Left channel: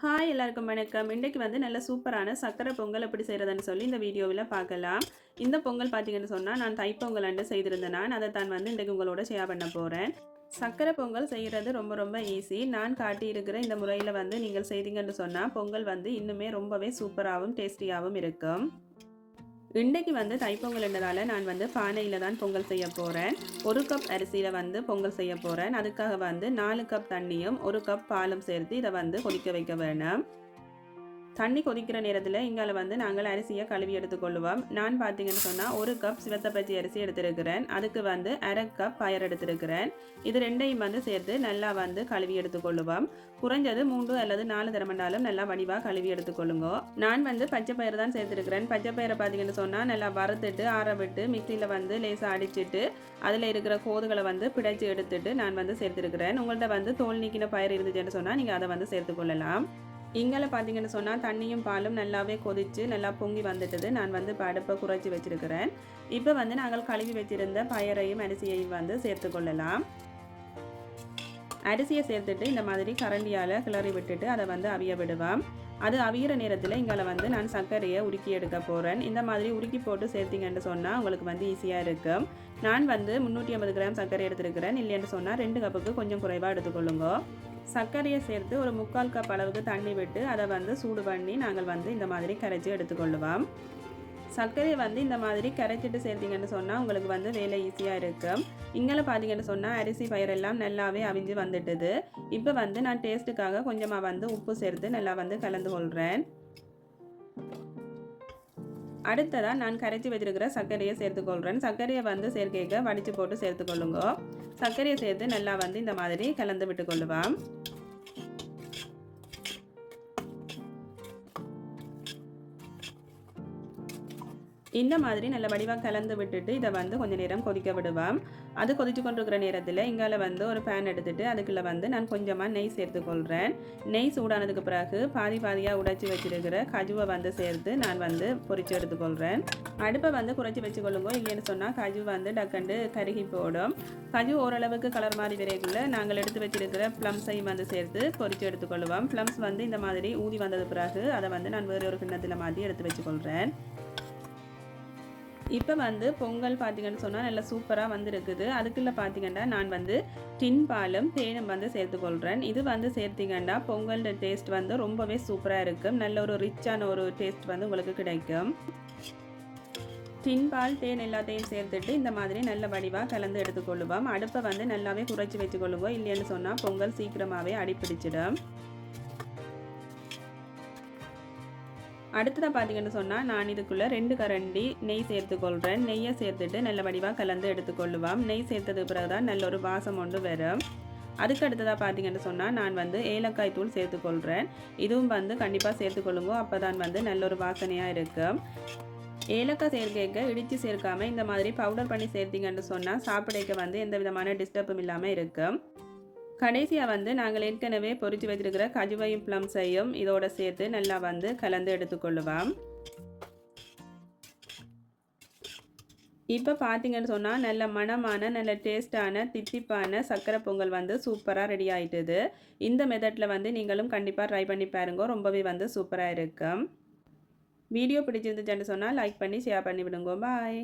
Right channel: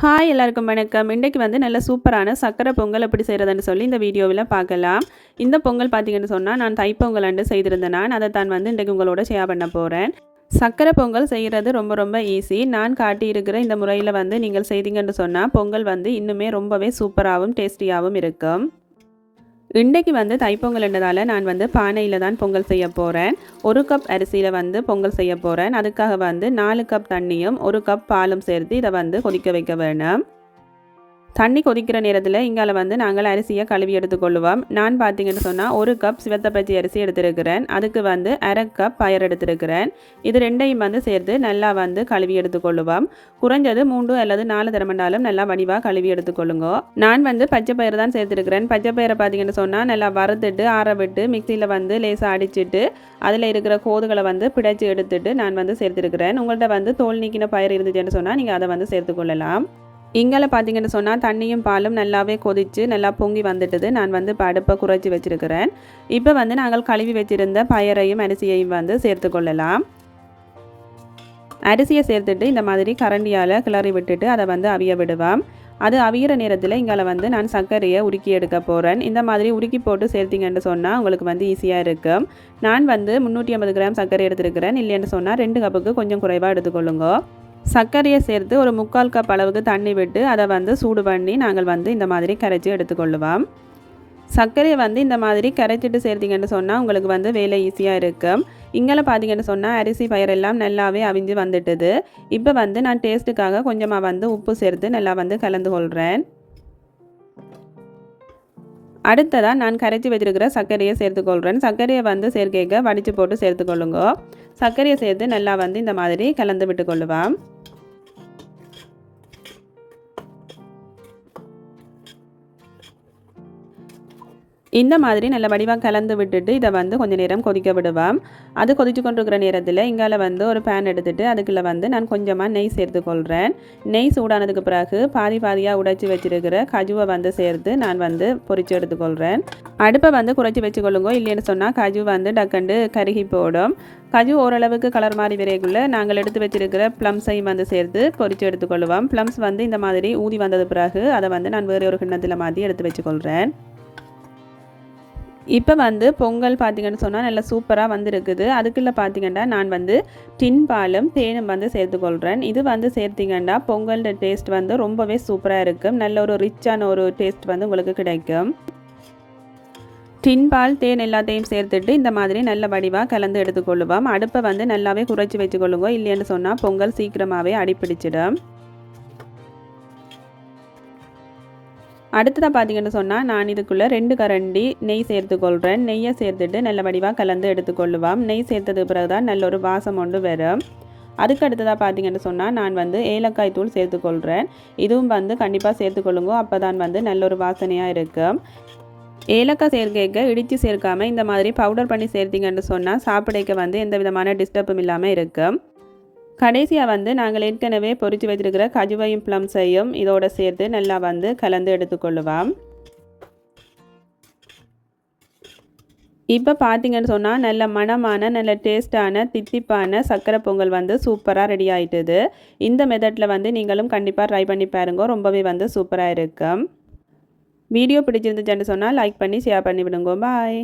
Hi எல்லாருக்கும் வணக்கம். இன்றைக்கு வந்து நல்ல சூப்பரான சக்கரை பொங்கல் எப்படி செய்கிறதுன்னு சொல்லி இந்த வீடியோவில் பார்க்கலாம். இந்த பொங்கல் பார்த்தீங்கன்னு சொன்னால் நான் தைப்பொங்கல் அன்று செய்திருந்தேன். நான் அதை தான் வந்து இன்றைக்கு உங்களோட ஷேர் பண்ண போகிறேன். சக்கரை பொங்கல் செய்கிறது ரொம்ப ரொம்ப ஈஸி. நான் காட்டியிருக்கிற இந்த முறையில் வந்து நீங்கள் செய்தீங்கன்னு சொன்னால் பொங்கல் வந்து இன்னுமே ரொம்பவே சூப்பராகவும் டேஸ்டியாகவும் இருக்கும். இன்றைக்கு வந்து தைப்பொங்கல்ன்றதால நான் வந்து பானையில் தான் பொங்கல் செய்ய போகிறேன். 1 கப் அரிசியில் வந்து பொங்கல் செய்ய போகிறேன். அதுக்காக வந்து 4 கப் தண்ணியும் 1 கப் பாலும் சேர்த்து இதை வந்து கொதிக்க வைக்க வேணும். தண்ணி கொதிக்கிற நேரத்தில் இங்கால வந்து நாங்கள் அரிசியை கழுவி எடுத்துக்கொள்ளுவோம். நான் பார்த்தீங்கன்னு சொன்னால் 1 கப் சிவத்தப்பச்சி அரிசி எடுத்துருக்கிறேன். அதுக்கு வந்து 1/2 கப் பயறு எடுத்துருக்கிறேன். இது ரெண்டையும் வந்து சேர்த்து நல்லா வந்து கழுவி எடுத்துக்கொள்ளுவோம். குறைஞ்சது 3 அல்லது 4 தரமண்டாலும் நல்லா வடிவாக கழுவி எடுத்துக்கொள்ளுங்க. நான் வந்து பச்சை பயிறு தான் சேர்த்துருக்கிறேன். பச்சை பயிரை பார்த்தீங்கன்னு சொன்னால் நல்லா வறுத்துட்டு ஆற விட்டு மிக்சியில் வந்து லேசாக அடிச்சுட்டு அதில் இருக்கிற கோதுகளை வந்து பிடைச்சி எடுத்துட்டு நான் வந்து சேர்த்துருக்கிறேன். உங்கள்கிட்ட வந்து தோல் நீக்கின பயிர் இருந்துச்சுன்னு சொன்னால் நீங்கள் அதை வந்து சேர்த்துக்கொள்ளலாம். இங்கே பார்த்தீங்கன்னு சொன்னால் தண்ணியும் பாலும் நல்லாவே கொதித்து நல்லா பொங்கி வந்துட்டுது. நான் வந்து இப்போ அடுப்பை குறைச்சி வச்சுருக்கிறேன். இப்போ வந்து நாங்கள் கழுவி வச்சுருந்த பயரையும் அரிசியையும் வந்து சேர்த்துக்கொள்ளலாம். அரிசியை சேர்த்துட்டு இந்த மாதிரி கரண்டியால் கிளறி விட்டுட்டு அதை வந்து அவிய விடுவோம். அது அவியிற நேரத்தில் இங்கே வந்து நான் சர்க்கரையை உருக்கி எடுக்க போகிறேன். இந்த மாதிரி உருக்கி போட்டு சேர்த்திங்கன்னு சொன்னால் உங்களுக்கு வந்து ஈஸியாக இருக்கும். நான் வந்து 350 கிராம் சர்க்கரை எடுத்துருக்கிறேன். இல்லைன்னு சொன்னால் 2 கப்புக்கு கொஞ்சம் குறைவாக எடுத்துக்கொள்ளுங்க. சர்க்கரையை சேர்த்து ஒரு 3/4 கப் அளவுக்கு தண்ணி விட்டு அதை வந்து சூடு பண்ணி நாங்கள் வந்து இந்த மாதிரி கரைச்சி எடுத்துக்கொள்ளுவோம். சர்க்கரையை வந்து இந்த மாதிரி கரைச்சிட்டு சேர்த்திங்கன்னு சொன்னால் உங்களுக்கு வந்து வேலை ஈஸியாக இருக்கும். இங்கே பார்த்தீங்கன்னு சொன்னால் அரிசி பயிரெல்லாம் நல்லாவே அவிஞ்சு வந்துட்டுது. இப்போ வந்து நான் டேஸ்ட்டுக்காக கொஞ்சமாக வந்து உப்பு சேர்த்து நல்லா வந்து கலந்து கொள்கிறேன். அடுத்ததாக நான் கரைச்சி வச்சிருக்கிற சர்க்கரையை சேர்த்துக்கொள்கிறேன். சர்க்கரையை வந்து சேர்க்கைக்க வடித்து போட்டு சேர்த்துக்கொள்ளுங்க. சர்க்கரையை சேர்த்து நல்லா வந்து இந்த மாதிரி கலந்து விட்டுக்கொள்ளுவோம். இந்த மாதிரி நல்ல வடிவாக கலந்து விட்டுட்டு இதை வந்து கொஞ்சம் நேரம் கொதிக்க விடுவோம். அது கொதித்து கொண்டிருக்கிற நேரத்தில் இங்கால வந்து ஒரு பேன் எடுத்துகிட்டு அதுக்குள்ளே வந்து நான் கொஞ்சமாக நெய் சேர்த்துக்கொள்கிறேன். நெய் சூடானதுக்கு பிறகு பாதியாக உடைச்சி வச்சுருக்கிற கஜுவை வந்து சேர்த்து நான் வந்து பொரித்து எடுத்துக்கொள்கிறேன். அடுப்பை வந்து குறைச்சி வச்சுக்கொள்ளுங்க. இல்லைன்னு சொன்னால் கஜு வந்து டக்கண்டு கருகி போடும். கஜு ஓரளவுக்கு கலர் மாதிரி விரைக்குள்ளே நாங்கள் எடுத்து வச்சுருக்கிற ப்ளம்ஸையும் வந்து சேர்த்து பொரித்து எடுத்துக்கொள்ளுவோம். ப்ளம்ஸ் வந்து இந்த மாதிரி ஊதி வந்தது பிறகு அதை வந்து நான் வேறு ஒரு கிண்ணத்தில் மாற்றி எடுத்து வச்சுக்கொள்கிறேன். இப்போ வந்து பொங்கல் பார்த்திங்கன்னு சொன்னால் நல்லா சூப்பராக வந்துருக்குது. அதுக்குள்ளே பார்த்திங்கன்னா நான் வந்து டின் பாலும் தேனும் வந்து சேர்த்துக்கொள்கிறேன். இது வந்து சேர்த்திங்கன்னா பொங்கல் டேஸ்ட் வந்து ரொம்பவே சூப்பராக இருக்கும். நல்ல ஒரு ரிச்சான ஒரு டேஸ்ட் வந்து உங்களுக்கு கிடைக்கும். டின் பால் தேன் எல்லாத்தையும் சேர்த்துட்டு இந்த மாதிரி நல்ல வடிவாக கலந்து எடுத்துக்கொள்ளுவோம். அடுப்பை வந்து நல்லாவே குறைச்சி வச்சுக்கொள்ளுங்க. இல்லைன்னு சொன்னால் பொங்கல் சீக்கிரமாகவே அடிப்பிடிச்சிடும். அடுத்ததாக பார்த்தீங்கன்னு சொன்னால் நான் இதுக்குள்ளே 2 கரண்டி நெய் சேர்த்துக்கொள்கிறேன். நெய்யை சேர்த்துட்டு நல்ல வடிவாக கலந்து எடுத்துக்கொள்ளுவோம். நெய் சேர்த்தது பிறகு தான் நல்ல ஒரு வாசம் ஒன்று வரும். அதுக்கு அடுத்ததாக பார்த்தீங்கன்னு சொன்னால் நான் வந்து ஏலக்காய் தூள் சேர்த்துக்கொள்கிறேன். இதுவும் வந்து கண்டிப்பாக சேர்த்துக்கொள்ளுங்க. அப்போ தான் வந்து நல்ல ஒரு வாசனையாக இருக்கும். ஏலக்காய் சேர்க்க இடித்து சேர்க்காமல் இந்த மாதிரி பவுடர் பண்ணி சேர்த்திங்கன்னு சொன்னால் சாப்பிடைக்க வந்து எந்த விதமான டிஸ்டர்பும் இல்லாமல் இருக்கும். கடைசியாக வந்து நாங்கள் ஏற்கனவே பொரித்து வச்சிருக்கிற கஜுவையும் ப்ளம்ஸையும் இதோட சேர்த்து நல்லா வந்து கலந்து எடுத்துக்கொள்ளுவோம். இப்போ பார்த்தீங்கன்னு சொன்னால் நல்ல மணமான நல்ல டேஸ்டான தித்திப்பான சக்கரை பொங்கல் வந்து சூப்பராக ரெடி ஆகிட்டுது. இந்த மெத்தடில் வந்து நீங்களும் கண்டிப்பாக ட்ரை பண்ணி பாருங்க. ரொம்பவே வந்து சூப்பராக இருக்கும். வீடியோ பிடிச்சிருந்துச்சுன்னு சொன்னால் லைக் பண்ணி ஷேர் பண்ணி விடுங்க. பாய்.